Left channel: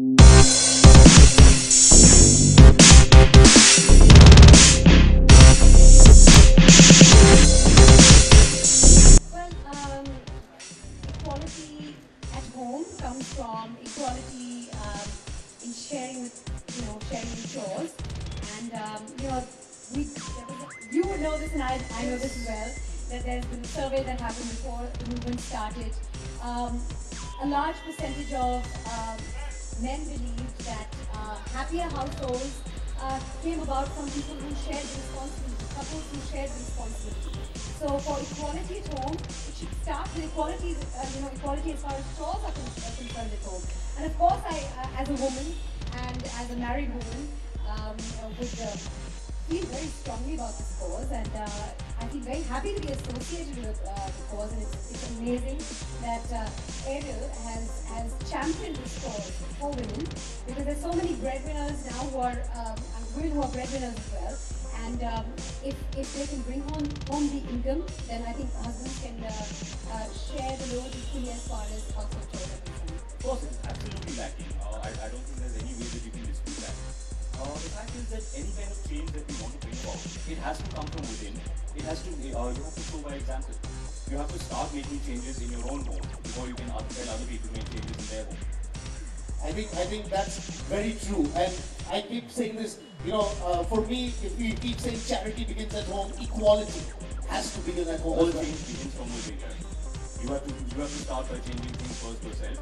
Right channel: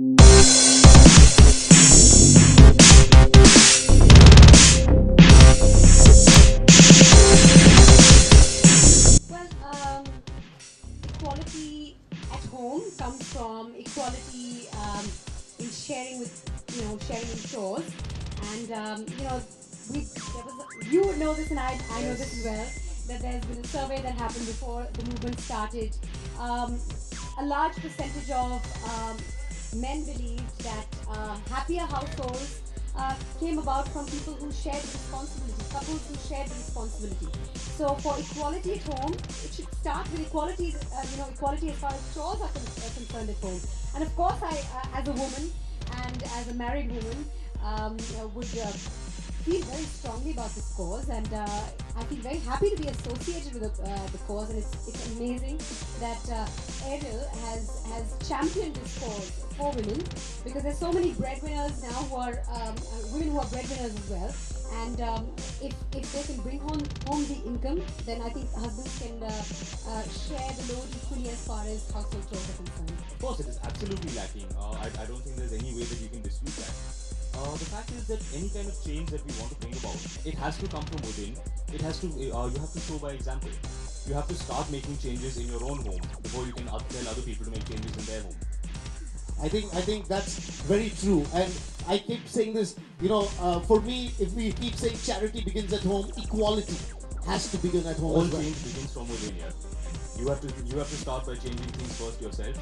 Equality at home comes from equality in sharing with, sharing in chores. And, we, you know this and I know this as well, that there's been a survey that happened before the movement started. A large percentage of men believe that happier households came about from people who shared responsibility, couples who shared responsibility. So for equality at home, it should start with equality, equality as far as chores are concerned at home. And of course, I, as a woman and as a married woman, would feel very strongly about this cause, and I feel very happy to be associated with the cause. And it's amazing that Ariel has championed this cause for women, because there's so many breadwinners now who are women who are breadwinners as well. And if they can bring home the income, then I think husbands can share the load equally as far as household chores are concerned. Of course, it's absolutely lacking. I don't think there's any way that we can dispute that. The fact is that any kind of change that we want to bring about, it has to come from within. It has to, you have to show by example. You have to start making changes in your own home before you can tell other people to make changes in their home. I think that's very true, and I keep saying this. For me, if we keep saying charity begins at home, equality has to begin at home. All change begins from within. You have to start by changing things first yourself.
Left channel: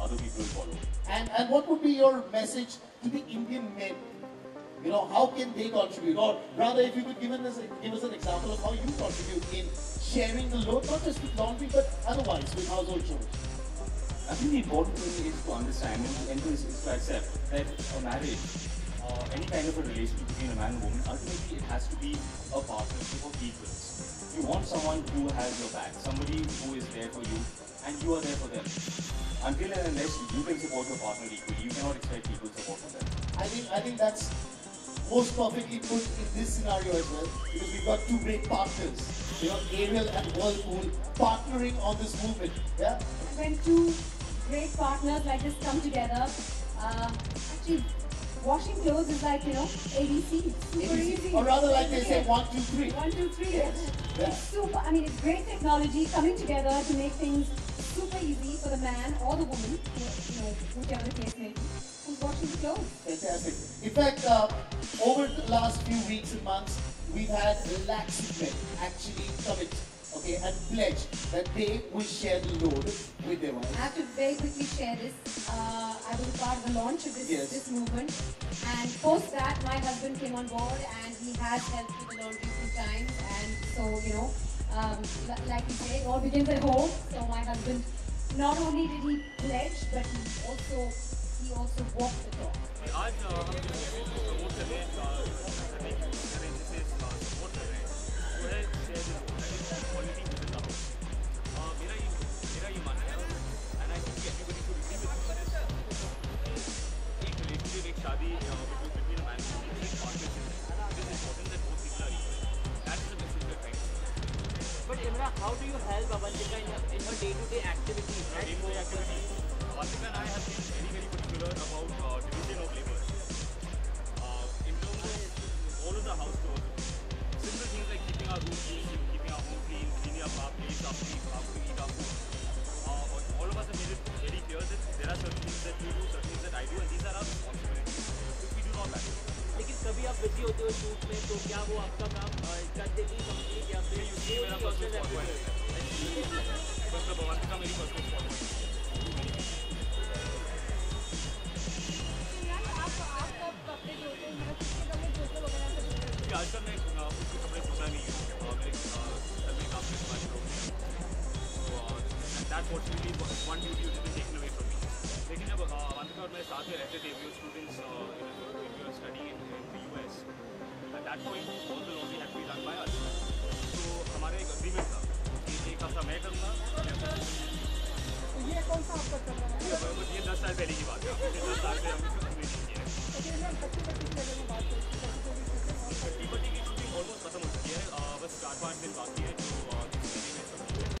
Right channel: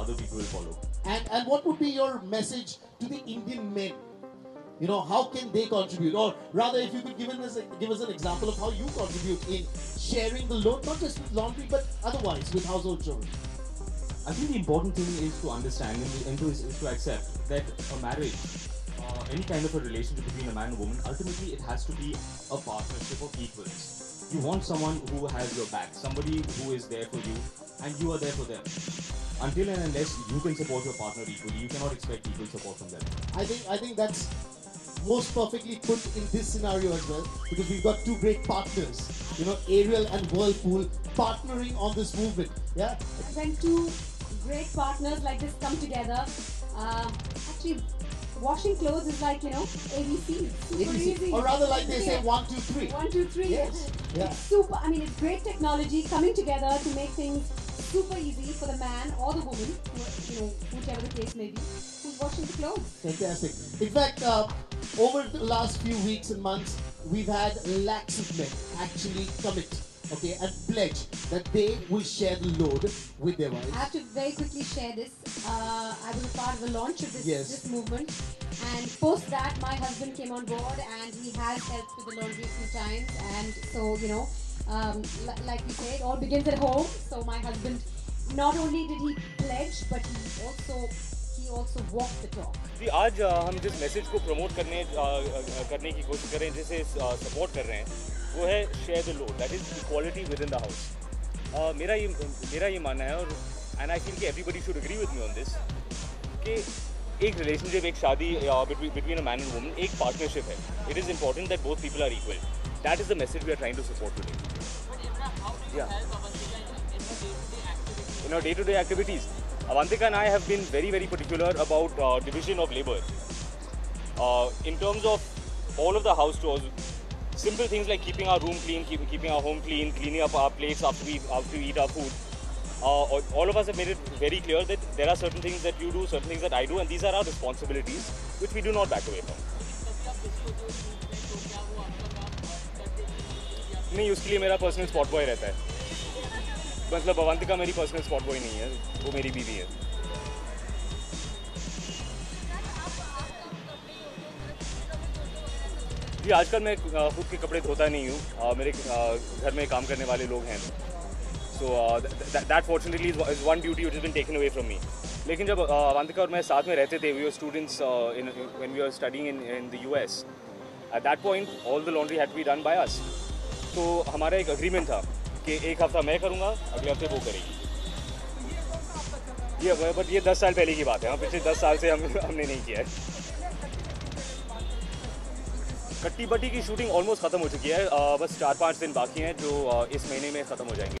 Other people will follow. And what would be your message to the Indian men? How can they contribute? Or rather, if you could give us an example of how you contribute in sharing the load, not just with laundry, but otherwise with household chores. I think the important thing is to understand and is to accept that a marriage, any kind of a relationship between a man and woman, ultimately it has to be a partnership of equals. You want someone who has your back, somebody who is there for you, and you are there for them. Until and unless you can support your partner equally, you cannot expect equal support from them. I think that's most perfectly put in this scenario as well, because we've got two great partners, Ariel and Whirlpool, partnering on this movement. Yeah. When two great partners like this come together, actually washing clothes is like, ABC, super easy. Or rather, like they say, 1, 2, 3. 1, 2, 3. Yes. Yeah. It's super. I mean, it's great technology coming together to make things super easy for the man or the woman, whichever the case may be, who's washing the clothes. Fantastic. In fact, over the last few weeks and months, we've had lakhs of men actually commit, and pledge that they will share the load with their wives. I have to very quickly share this. I was part of the launch of this movement, and post that, my husband came on board, and he has helped with the laundry a few times. And so, like you say, it all begins at home. So my husband, not only did he pledge, but he also walked the talk. जी आज हम जिस message को promote करने की कोशिश कर रहे हैं, जिसे सपोर्ट कर रहे हैं, वो है share the load, that is equality within the house. मेरा ये मानना है, और and I think everybody should agree with me on this, कि एक रिलेशनशिप, एक शादी between a man and woman एक पार्टनरशिप है. It is important that both people are equal. That is the message we are trying to support. But Imran, how do you help Avantika in her day-to-day activities? In our day-to-day activities, Avantika and I have been very, very particular about division of labor. In terms of all of the house chores, simple things like keeping our room clean, keeping our home clean, cleaning up our plates after we eat our food. All of us have made it very clear that there are certain things that you do, certain things that I do, and these are our responsibilities, which we do not back away from. लेकिन कभी आप busy होते हो shoot पे, तो क्या वो आपका काम कर देती है नहीं, उसके लिए मेरा पर्सनल स्पॉट बॉय रहता है. मतलब अवंतिका मेरी पर्सनल स्पॉट बॉय नहीं है, वो मेरी बीवी है. जी आजकल मैं खुद के कपड़े धोता नहीं हूँ. मेरे घर में काम करने वाले लोग हैं. So that fortunately is one duty which has been taken away from me. लेकिन जब अवंतिका और मैं साथ में रहते थे, we were students when we were studying in the US. At that point, all the laundry had to be done by us. तो हमारा एक agreement था कि एक हफ्ता मैं करूँगा, अगले हफ्ते वो करेगी. बट ये 10 साल पहले की बात है. पिछले 10 साल से हमने नहीं किया है. कट्टी बट्टी की शूटिंग ऑलमोस्ट ख़त्म हो चुकी है. बस 4-5 दिन बाकी हैं जो इस महीने में ख़त्म हो जाएंगे.